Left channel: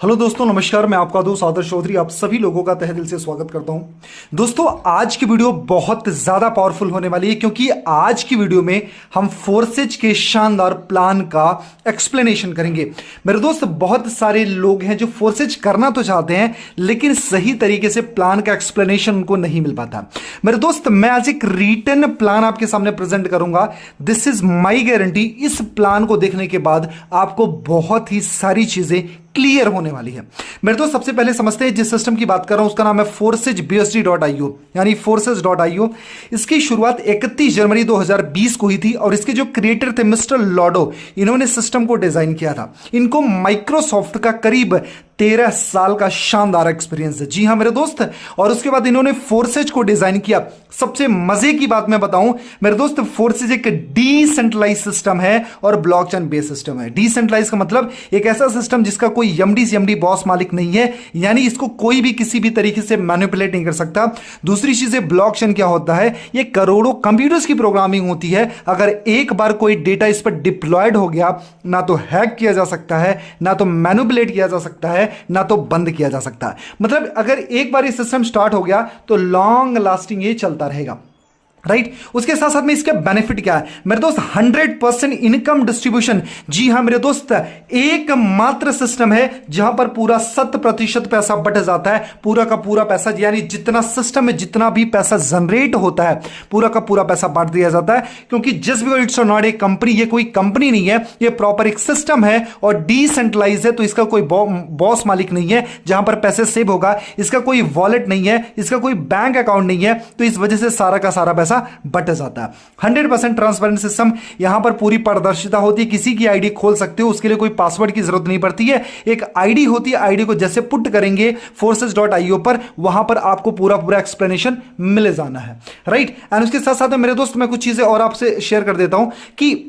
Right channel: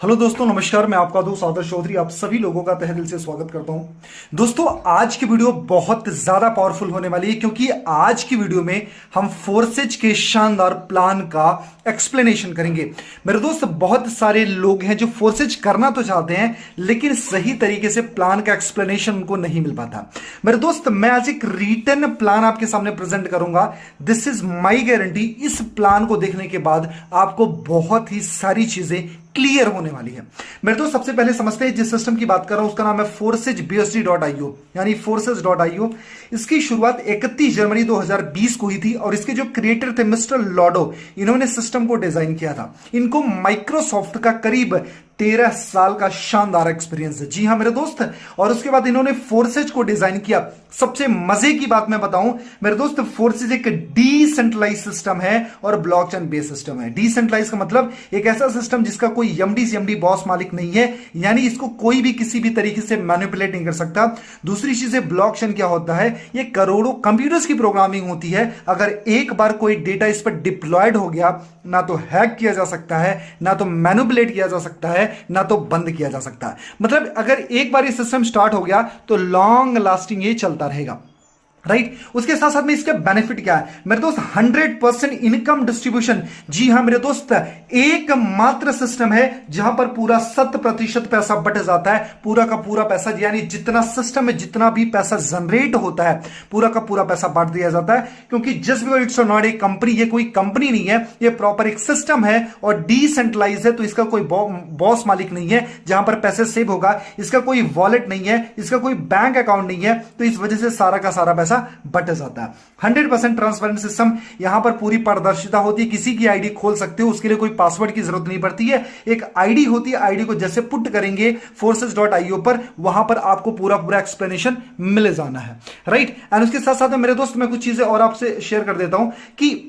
Hello दोस्तों, नमस्कार। मैं आपका दोस्त आदर्श चौधरी आप सभी लोगों का तहे दिल से स्वागत करता हूं। दोस्तों, आज की वीडियो बहुत ज्यादा पावरफुल होने वाली है क्योंकि आज की वीडियो में हम फोर्सेज के शानदार प्लान का एक्सप्लेनेशन करेंगे। मेरे दोस्त, बहुत सारे लोग हैं जो फोर्सेज करना तो चाहते हैं लेकिन सही तरीके से प्लान का एक्सप्लेनेशन उनको नहीं मिल पाता। मेरे दोस्त, मैं आज एक रिटन प्लान आपके सामने प्रेजेंट करूंगा। This is my guarantee. इस प्लान को देखने के बाद आपको बहुत ही सारी चीजें क्लियर होने वाली है। मेरे दोस्त, सबसे पहले समझते हैं जिस सिस्टम की बात कर रहा हूं उसका नाम है forcesbsd.io यानी forces.io। इसकी शुरुआत 31 जनवरी 2020 को हुई थी और इसके जो क्रिएटर थे मिस्टर लॉडो, इन्होंने सिस्टम को डिजाइन किया था। इनको माइक्रोसॉफ्ट का करीब 13 साल का शानदार एक्सपीरियंस है। जी हां मेरे दोस्त, और उसके बाद इन्होंने फोर्सेज को डिजाइन किया। सबसे मजे की बात मैं बताऊं मेरे दोस्त, फोर्सेज एक डिसेंट्रलाइज सिस्टम है और ब्लॉकचेन बेस्ड सिस्टम है। डिसेंट्रलाइज का मतलब एक ऐसा सिस्टम जिसका कोई एमडी बॉस मालिक नहीं है, यानी इसको कोई भी किसी भी तरीके से मैनिपुलेट नहीं कर सकता। दूसरी चीज है ब्लॉकचेन क्या होता है, ये करोड़ों कंप्यूटर्स की प्रोग्रामिंग होती है। अगर एक बार कोई डेटा इस पर डिप्लॉयड हो गया, ना तो हैक किया जा सकता है, ना तो मैनिपुलेट किया जा सकता है, ना तो बंद किया जा सकता है। मतलब अगर एक बार ये सिस्टम स्टार्ट हो गया तो लॉन्ग लास्टिंग ये चलता रहेगा, राइट। उसके साथ साथ में इसका बेनिफिट क्या है मेरे दोस्त, 100% इनकम डिस्ट्रीब्यूशन। जी हां मेरे दोस्त, एकमात्र सिस्टम है जहां पर पूरा 100% पैसा बट जाता है। पूरा का पूरा पैसा, यानी जितना सिस्टम में जितना भी पैसा जनरेट होता है पूरा का पूरा पैसा बांट दिया जाता है। क्योंकि just because it's not a company, ये कोई कंपनी नहीं है, ये प्रॉपर एक सिस्टम है और डिसेंट्रलाइज है। तो इसका कोई बॉस मालिक नहीं है जहां पर पैसे सेव होगा, इसका कोई वॉलेट नहीं है, इसका कोई बैंक अकाउंट नहीं है। तो इस वजह से सारा का सारा बट जाता है। 100% ट्रांसपेरेंट सिस्टम, यहां पर पूरी पारदर्शिता होती है। किसी की आईडी खोल सकते हो, उसके लिए कोई पासवर्ड की जरूरत नहीं पड़ती है। एक आईडी होती है, आईडी को जैसे पुट करेंगे forces.io पर, वहां पर आपको पूरा पूरा एक्सप्लेनेशन मिल जाना है, राइट। एंड उसके साथ साथ मेरे दोस्त, मैं कुछ चीजें और आपसे शेयर कर देता हूं कि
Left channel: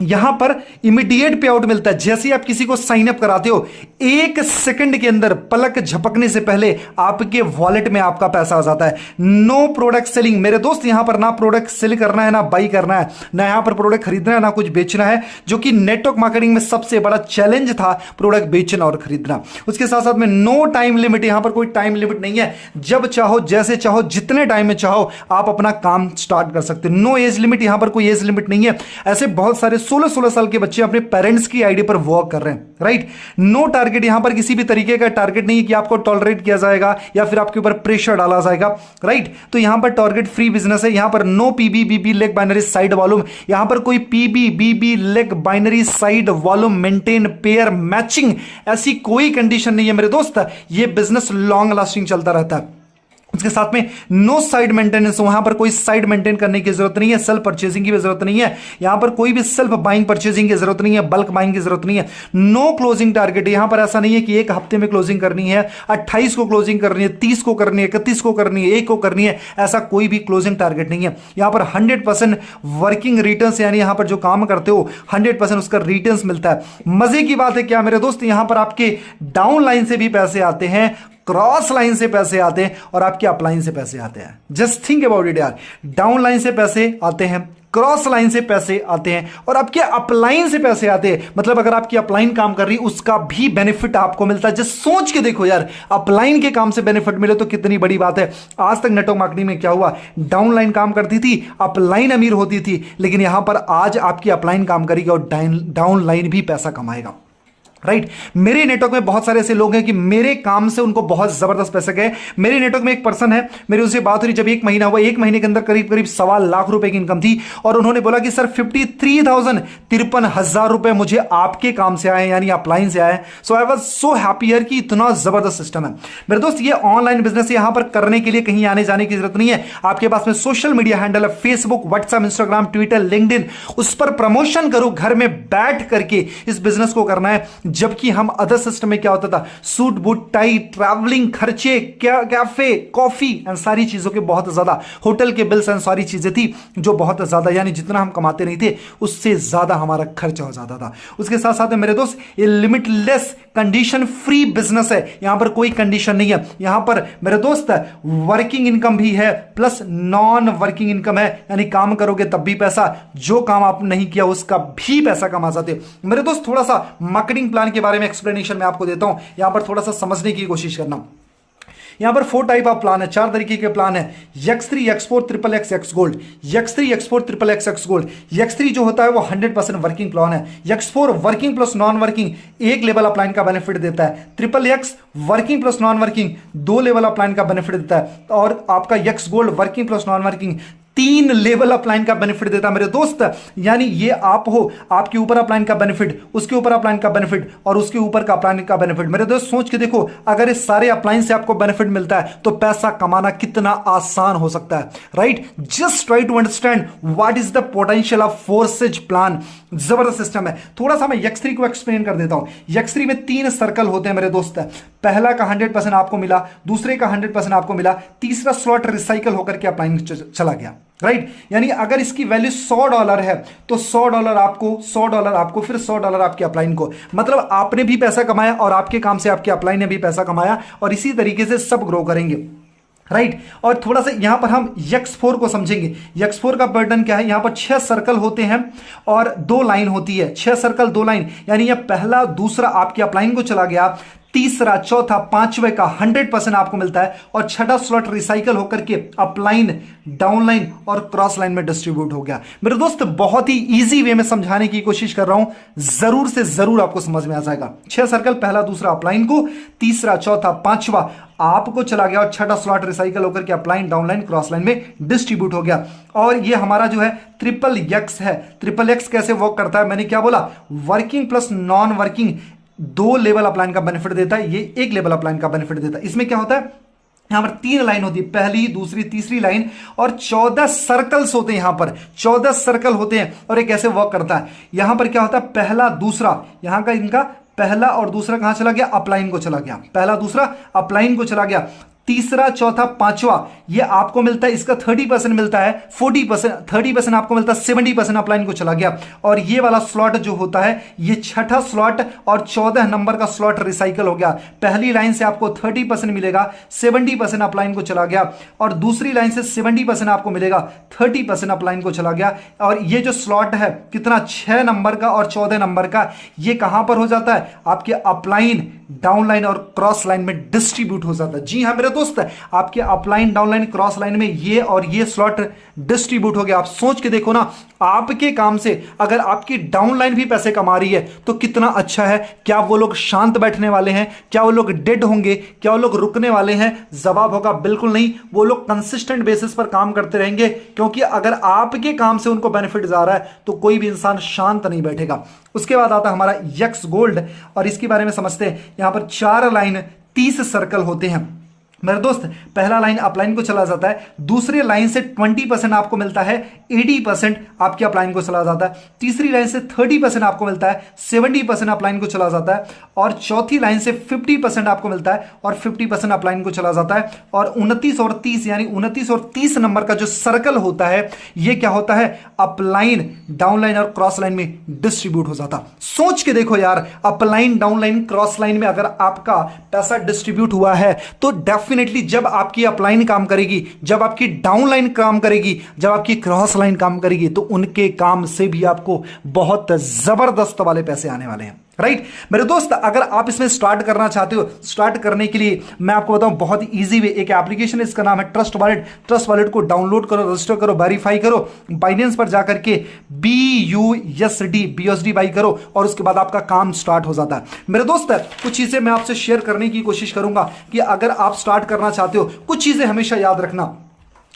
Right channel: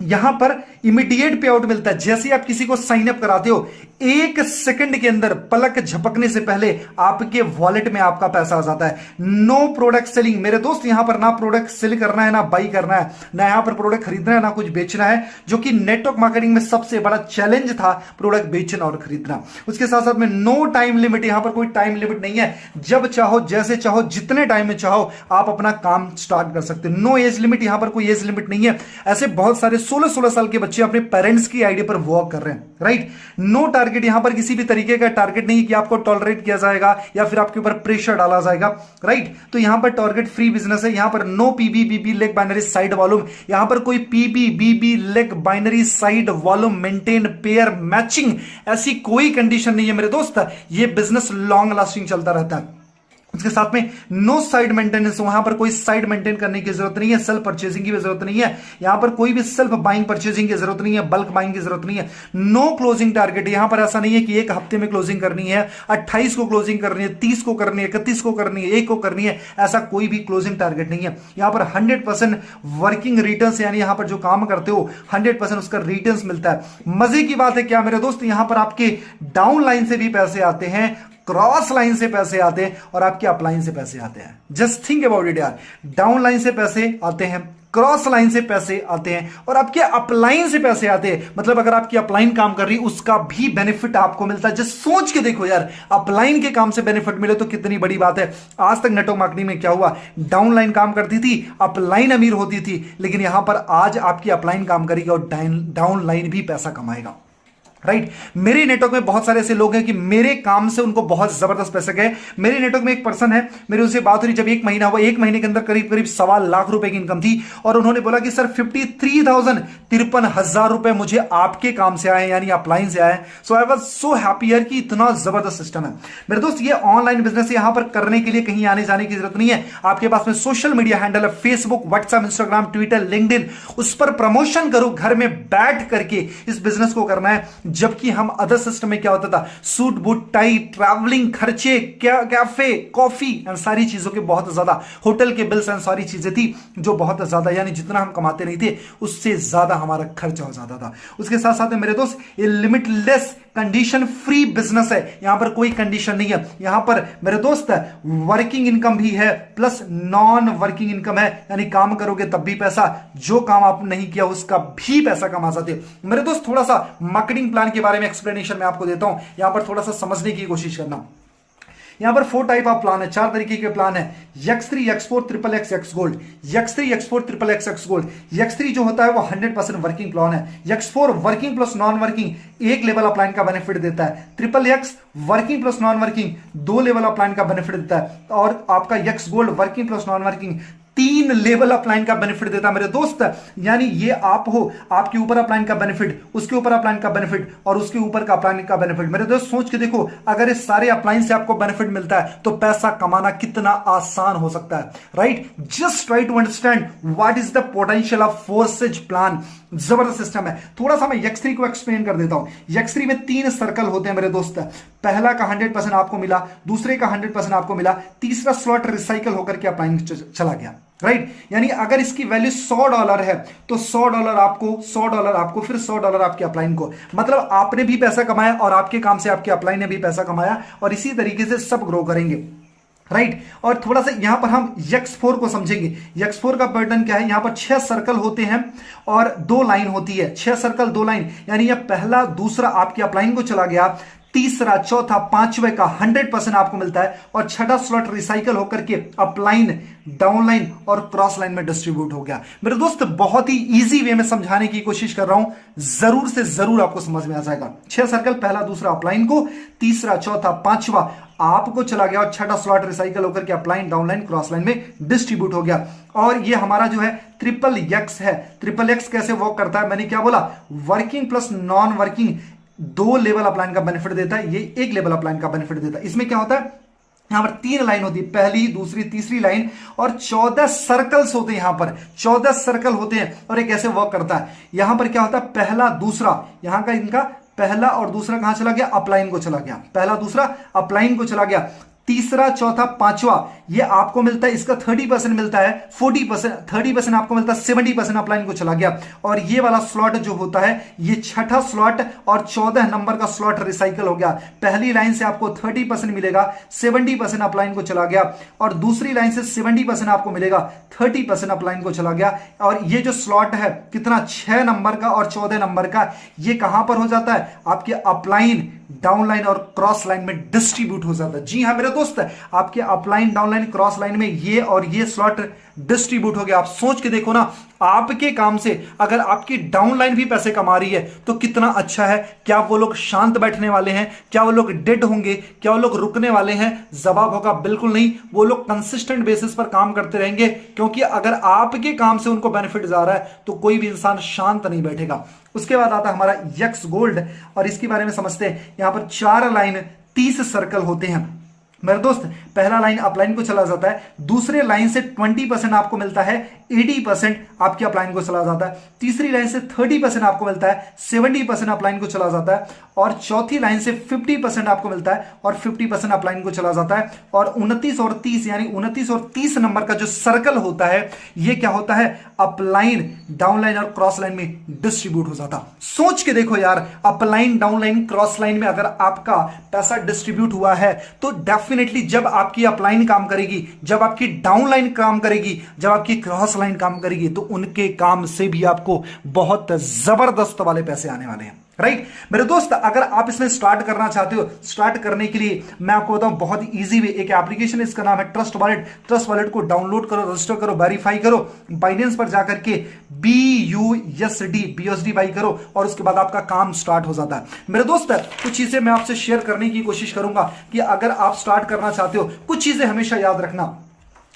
यहां पर इमीडिएट पे आउट मिलता है। जैसे आप किसी को साइन अप कराते हो, 1 सेकंड के अंदर, पलक झपकने से पहले आपके वॉलेट में आपका पैसा आ जाता है। नो प्रोडक्ट सेलिंग मेरे दोस्त, यहां पर ना प्रोडक्ट सेल करना है, ना बाई करना है, ना यहां पर प्रोडक्ट खरीदना है, ना कुछ बेचना है, जो कि नेटवर्क मार्केटिंग में सबसे बड़ा चैलेंज था, प्रोडक्ट बेचना और खरीदना। उसके साथ साथ में नो टाइम लिमिट, यहां पर कोई टाइम लिमिट नहीं है। जब चाहो, जैसे चाहो, जितने टाइम में चाहो आप अपना काम स्टार्ट कर सकते हो। नो एज लिमिट, यहां पर कोई एज लिमिट नहीं है। ऐसे बहुत सारे 16-16 साल के बच्चे अपने पेरेंट्स की आईडी पर वर्क कर रहे हैं, राइट। नो टारगेट, यहां पर किसी भी तरीके का टारगेट नहीं है कि आपको टॉलरेट किया जाएगा या फिर आपके ऊपर प्रेशर डाला जाएगा, राइट। तो यहां पर टारगेट फ्री बिजनेस है। यहां पर no PB BB leg binary side volume, यहां पर कोई PB BB leg binary side volume maintain pair matching, ऐसी कोई कंडीशन नहीं है मेरे दोस्त। ये बिजनेस लॉन्ग लास्टिंग चलता रहता है। इसके साथ में नो साइड मेंटेनेंस, वहां पर कोई साइड मेंटेन करने की जरूरत नहीं है, सेल्फ परचेजिंग की भी जरूरत नहीं है, यहां पर कोई भी सेल्फ बाइंग परचेजिंग की जरूरत नहीं है, बल्क बाइंग की जरूरत नहीं है। नो क्लोजिंग टारगेट, यहां पर ऐसा नहीं है कि एक हफ्ते में क्लोजिंग करनी है, 28 को क्लोजिंग करनी है, 30 को करनी है, 31 को करनी है, 1 को करनी है, ऐसा कोई भी क्लोजिंग टारगेट नहीं है। यहां पर 100% वर्किंग रिटर्न्स, यानी यहां पर जो काम करते हो 100% उसका रिटर्न्स मिलता है। मजे की बात है क्या मेरे दोस्त, यहां पर आपके डाउन लाइन से भी पैसे आते हैं, क्रॉस लाइन से पैसे आते हैं और आपके अपलाइन से पैसे आते हैं। जस्ट थिंक अबाउट इट यार, डाउन लाइन से पैसे आते हैं, क्रॉस लाइन से पैसे आते हैं और आपके अपलाइन से पैसे आते हैं। मतलब अगर आपकी अपलाइन काम कर रही उसका भी बेनिफिट आपको मिलता है। जस्ट सोच के देखो यार, अपलाइन के काम से बेनिफिट मिले तो कितनी बड़ी बात है। आज तक नेटवर्क मार्केटिंग में क्या हुआ, डाउन लाइन काम करती थी, अपलाइन अमीर होती थी, लेकिन यहां पर आज आपकी अपलाइन काम करेगी और डाउन लाइन भी पैसा कमाएगा, राइट। मेरे नेटवर्क में बहुत सारे ऐसे लोग हैं कि मेरे काम से उनको बहुत जबरदस्त पैसे गए। मेरे नेटवर्क में एक पर्सन है, मेरी उससे बात हो रही, जब 1 महीना हुआ, 1 महीने के अंदर करीब करीब 1.25 लाख रुपए की इनकम थी और उन्होंने बोला कि सर 53,000 रुपए मुझे आपके काम से आए, यानी अपलाइन से आए। सो आई वाज सो हैप्पी यार कि इतना जबरदस्त सिस्टम है। मेरे दोस्त, ये ऑनलाइन बिजनेस यहां पर करने के लिए कहीं आने जाने की जरूरत नहीं है। आपके पास में सोशल मीडिया हैंडल है, Facebook, WhatsApp, Instagram, Twitter, LinkedIn, उस पर प्रमोशन करो। घर में बैठ करके इस बिजनेस को करना है। जबकि हम अदर सिस्टम में क्या होता था, सूट बूट टाई, ट्रैवलिंग खर्चे, कैफे, कॉफी एंड सारी चीजों के बहुत ज्यादा, होटल के बिल्स एंड सारी चीजें थी जो बहुत ज्यादा, यानी जितना हम कमाते नहीं थे उससे ज्यादा हमारा खर्च हो जाता था। उसके साथ साथ मेरे दोस्त, ये लिमिटलेस कंडीशन फ्री बिजनेस है, यहां पर कोई कंडीशन नहीं है। यहां पर मेरे दोस्त वर्किंग इनकम भी है प्लस नॉन वर्किंग इनकम है, यानी काम करोगे तब भी पैसा, जो काम आप नहीं किया उसका भी पैसा कमा सकते हो। मेरे दोस्त थोड़ा सा मार्केटिंग प्लान के बारे में एक्सप्लेनेशन मैं आपको देता हूं, यहां पर थोड़ा सा समझने की कोशिश करना। यहां पर 4 टाइप ऑफ प्लान है, 4 तरीके के प्लान है। X3, X4, XXX, X gold. X3, X4, XXX, X gold. X3 जो होता है वो 100% वर्किंग प्लान है। X4 working plus non working एक लेवल ऑफ प्लान का बेनिफिट देता है। XXX working plus non working 2 level of plan का बेनिफिट देता है। और आपका X gold working plus non working 3 level upline का बेनिफिट देता है मेरे दोस्त। यानी ये आप हो, आपके ऊपर अपलाइन का बेनिफिट, उसके ऊपर अपलाइन का बेनिफिट और उसके ऊपर का अपलाइन का बेनिफिट। मेरे दोस्त सोच के देखो, अगर इस सारे अपलाइन से आपको बेनिफिट मिलता है तो पैसा कमाना कितना आसान हो सकता है, right. Just try to understand what is the potential of forces plan. जबरदस्त सिस्टम है। थोड़ा सा मैं X3 को एक्सप्लेन कर देता हूं। X3 में 3 सर्कल होते हैं मेरे दोस्त। पहला का 100% आपको मिला, दूसरे का 100% आपको मिला, तीसरा स्लॉट रिसाइकल होकर के अपलाइन चला गया, राइट। यानी अगर इसकी वैल्यू $100 है तो $100 आपको, $100 आपको, फिर $100 आपके अपलाइन को। मतलब आपने भी पैसा कमाया और आपके काम से आपके अपलाइन ने भी पैसा कमाया, और इसी तरीके से सब ग्रो करेंगे, राइट। और थोड़ा सा यहां पर हम X4 को समझेंगे। X4 का पैटर्न क्या है, यहां पर 6 सर्कल होते हैं और 2 लाइन होती है। 6 सर्कल 2 लाइन, यानी यह पहला दूसरा आपके अपलाइन को चला गया, तीसरा चौथा पांचवे का 100% आपको मिलता है, और छठा स्लॉट रिसाइकल होकर के अपलाइन, डाउनलाइन और क्रॉस लाइन में डिस्ट्रीब्यूट हो गया। मेरे दोस्त बहुत ही इजी वे में समझाने की कोशिश कर रहा हूं, जरूर से जरूर आपको समझ में आ जाएगा। 6 सर्कल, पहला दूसरा अपलाइन को, तीसरा चौथा पांचवा आपको चला गया, और छठा स्लॉट रिसाइकल होकर के अपलाइन, डाउनलाइन, क्रॉस लाइन में डिस्ट्रीब्यूट हो गया। और ये हमारा जो है XXX है। XXX कैसे वर्क करता है, मैंने क्या बोला, working plus non working 2 level upline का बेनिफिट देता है, ये 1 लेवल अपलाइन का बेनिफिट देता है। इसमें क्या होता है, यहां पर 3 लाइन होती है, पहली, दूसरी, तीसरी लाइन, और 14 सर्कल्स होते हैं। यहां पर 14 सर्कल होते हैं, और ये कैसे वर्क करता है, यहां पर क्या होता है, पहला दूसरा, यहां का इनका पहला और दूसरा कहां चला गया, अपलाइन को चला गया, पहला दूसरा अपलाइन को चला गया, तीसरा चौथा पांचवा ये आपको मिलता है, इसका 30% मिलता है, 40%, 30% आपको मिलता है, 70% अपलाइन को चला गया। और ये वाला स्लॉट जो होता है, ये छठा स्लॉट और 14 नंबर का स्लॉट रिसाइकल हो गया। पहली लाइन से आपको 30% मिलेगा, 70% अपलाइन को चला गया, और दूसरी लाइन से 70% आपको मिलेगा, 30% अपलाइन को चला गया। और ये जो स्लॉट है कितना, 6 नंबर का और 14 नंबर का, ये कहां पर हो जाता है, आपके अपलाइन, डाउनलाइन और क्रॉस लाइन में डिस्ट्रीब्यूट हो जाता है। जी हां मेरे दोस्त, आपके अपलाइन, डाउनलाइन, क्रॉस लाइन में ये और ये स्लॉट डिस्ट्रीब्यूट हो गया। आप सोच के देखो ना, आपके काम से अगर आपकी डाउनलाइन भी पैसे कमा रही है तो कितना अच्छा है। क्या वो लोग शांत बैठने वाले हैं, क्या वो लोग डेड होंगे, क्या वो लोग रुकने वाले हैं? जवाब होगा बिल्कुल नहीं। वो लोग कंसिस्टेंट बेसिस पर काम करते रहेंगे, क्योंकि अगर आपके काम से उनको बेनिफिट जा रहा है तो कोई भी इंसान शांत नहीं बैठेगा। उसके बाद आता है हमारा X गोल्ड, और इसके बारे में समझते हैं। यहां पर 4 लाइन, 30 सर्कल होते हैं मेरे दोस्त। पहला लाइन अपलाइन को चला जाता है, दूसरे लाइन से 20% आपको मिलता है, 80% आपके अपलाइन को चला जाता है, तीसरी लाइन से 30% आपको मिलता है, 70% अपलाइन को चला जाता है, और चौथी लाइन से 50% आपको मिलता है और 50% अपलाइन को चला जाता है। और 29 और 30, यानी 29 और 30 नंबर का जो सर्कल होता है, ये क्या होता है, अपलाइन, डाउनलाइन और क्रॉस लाइन में डिस्ट्रीब्यूट हो जाता। सोच के देखो यार, अपलाइन, डाउनलाइन, क्रॉस लाइन में अगर आपका पैसा डिस्ट्रीब्यूट हुआ है तो डेफिनेटली जब आपकी अपलाइन काम करेगी, जब आपकी डाउनलाइन काम करेगी, जब आपकी क्रॉस लाइन काम करेगी, तो उनके काम से भी आपको बहुत जबरदस्त वाले पैसे आने वाले हैं, राइट। मेरे दोस्त, अगर आप इसमें स्टार्ट करना चाहते हो, स्टार्ट करने के लिए मैं आपको बताऊं बहुत ही इजी वे, एक एप्लीकेशन है, इसका नाम है ट्रस्ट वॉलेट। ट्रस्ट वॉलेट को डाउनलोड करो, रजिस्टर करो, वेरीफाई करो, बाइनेंस पर जाकर के BUSD बाई करो, और उसके बाद आपका काम स्टार्ट हो जाता है। मेरे दोस्त, कुछ चीजें मैं आपसे शेयर करने की कोशिश करूंगा कि अगर आप स्टार्ट करना चाहते हो, कुछ चीजें हमेशा याद रखना।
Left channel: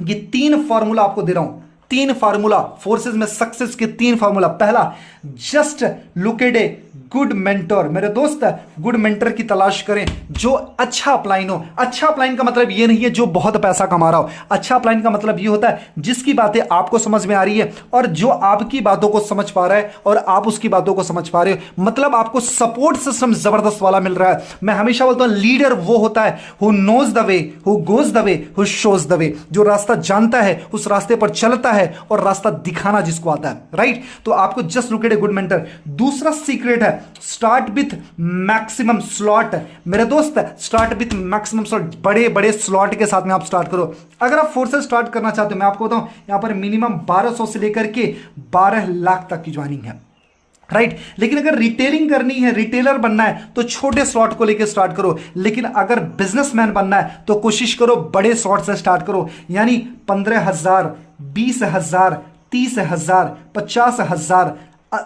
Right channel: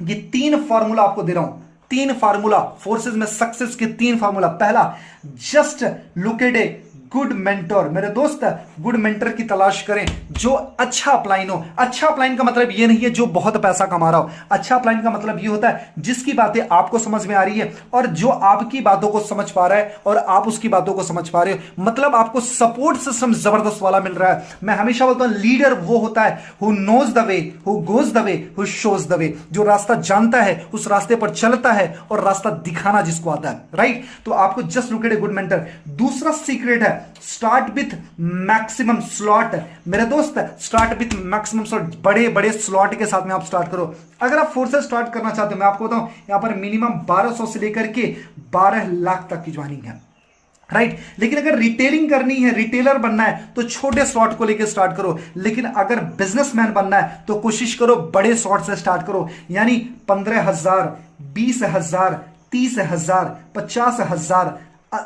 ये 3 फॉर्मूला आपको दे रहा हूं, 3 फार्मूला, फोर्सेज में सक्सेस के 3 फार्मूला। पहला, just look at a good mentor. मेरे दोस्त, गुड मेंटर की तलाश करें जो अच्छा अपलाइन हो। अच्छा अपलाइन का मतलब ये नहीं है जो बहुत पैसा कमा रहा हो। अच्छा अपलाइन का मतलब ये होता है जिसकी बातें आपको समझ में आ रही है, और जो आपकी बातों को समझ पा रहा है और आप उसकी बातों को समझ पा रहे हो। मतलब आपको सपोर्ट सिस्टम जबरदस्त वाला मिल रहा है। मैं हमेशा बोलता हूं, लीडर वो होता है who knows the way, who goes the way, who shows the way. जो रास्ता जानता है, उस रास्ते पर चलता है, और रास्ता दिखाना जिसको आता है, राइट। तो आपको just look at a good mentor. दूसरा सीक्रेट है, स्टार्ट विथ मैक्सिमम स्लॉट। मेरे दोस्त स्टार्ट विथ मैक्सिमम स्लॉट, बड़े बड़े स्लॉट के साथ में आप स्टार्ट करो। अगर आप फोर्सेस स्टार्ट करना चाहते हो, मैं आपको बताऊं यहां पर मिनिमम 1200 से लेकर के 12 लाख तक की ज्वाइनिंग है, राइट। लेकिन अगर रिटेलिंग करनी है, रिटेलर बनना है, तो छोटे स्लॉट को लेकर स्टार्ट करो। लेकिन अगर बिजनेसमैन बनना है तो कोशिश करो बड़े स्लॉट से स्टार्ट करो, यानी 15,000, 20,000, 30,000, 50,000,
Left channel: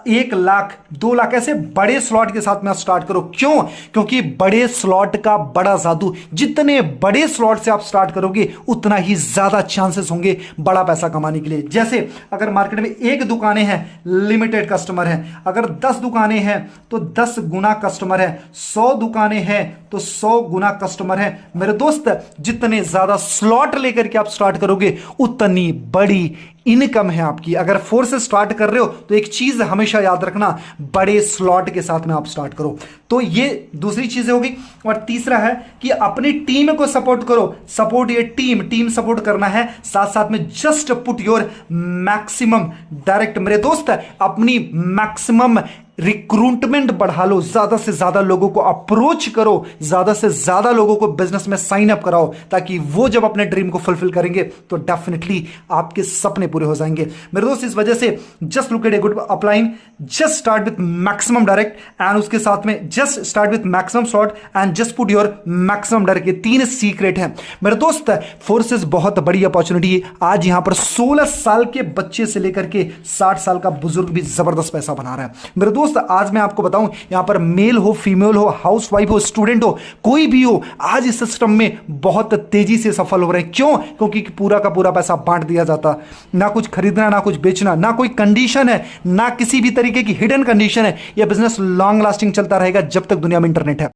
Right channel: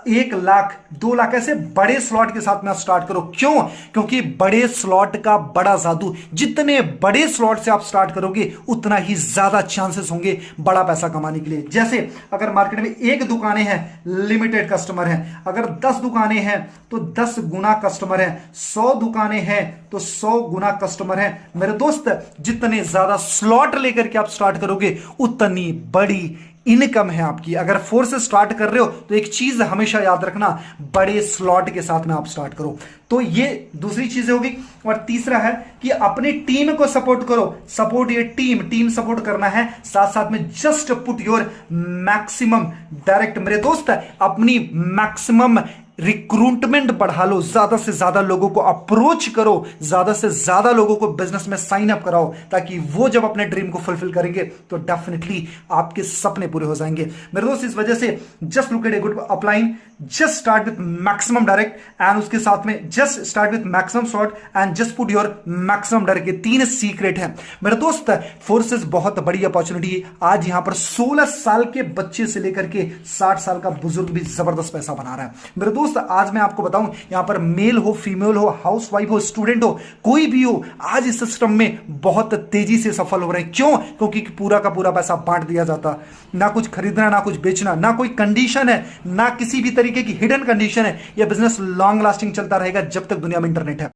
1 लाख, 2 लाख, ऐसे बड़े स्लॉट के साथ में आप स्टार्ट करो। क्यों? क्योंकि बड़े स्लॉट का बड़ा जादू, जितने बड़े स्लॉट से आप स्टार्ट करोगे उतना ही ज्यादा चांसेस होंगे बड़ा पैसा कमाने के लिए। जैसे अगर मार्केट में 1 दुकानें हैं, लिमिटेड कस्टमर हैं। अगर 10 दुकानें हैं तो 10 गुना कस्टमर है। 100 दुकानें हैं तो 100 गुना कस्टमर है। मेरे दोस्त, जितने ज्यादा स्लॉट लेकर के आप स्टार्ट करोगे उतनी बड़ी इनकम है आपकी। अगर फोर्स से स्टार्ट कर रहे हो तो एक चीज हमेशा याद रखना, बड़े स्लॉट के साथ में आप स्टार्ट करो। तो ये दूसरी चीज होगी। और तीसरा है कि अपनी टीम को सपोर्ट करो। सपोर्ट ये टीम सपोर्ट करना है, साथ साथ में just put your maximum direct. मेरे दोस्त, अपनी मैक्सिमम रिक्रूटमेंट बढ़ा लो, ज्यादा से ज्यादा लोगों को अप्रोच करो, ज्यादा से ज्यादा लोगों को बिजनेस में साइन अप कराओ, ताकि वो जब अपने ड्रीम को फुलफिल करेंगे तो डेफिनेटली आपके सपने पूरे हो जाएंगे। मेरे दोस्त, इस वजह से just look at a good upline, just start with maximum direct and उसके साथ में just start with maximum short and just put your maximum direct. ये 3 सीक्रेट हैं मेरे दोस्त। फोर्सेस बहुत बड़ी अपॉर्चुनिटी है। आज यहां पर 16 साल के बच्चे से लेकर के 60 साल का बुजुर्ग भी जबरदस्त पैसा बना रहा है। मेरे दोस्त, आज मैं आपको बताऊं, यहां पर मेल हो, फीमेल हो, हाउसवाइफ हो, स्टूडेंट हो, कोई भी हो, आज इस सिस्टम में बहुत तेजी से सफल हो रहे हैं। क्यों? क्योंकि पूरा का पूरा पैसा बांट दिया जाता, ना कुछ खरीदना, ना कुछ बेचना, ना कोई कंडीशन है, ना किसी भी तरीके की हिडन कंडीशन है। यह बिजनेस लॉन्ग लास्टिंग चलता रहेगा जब तक दुनिया में इंटरनेट है।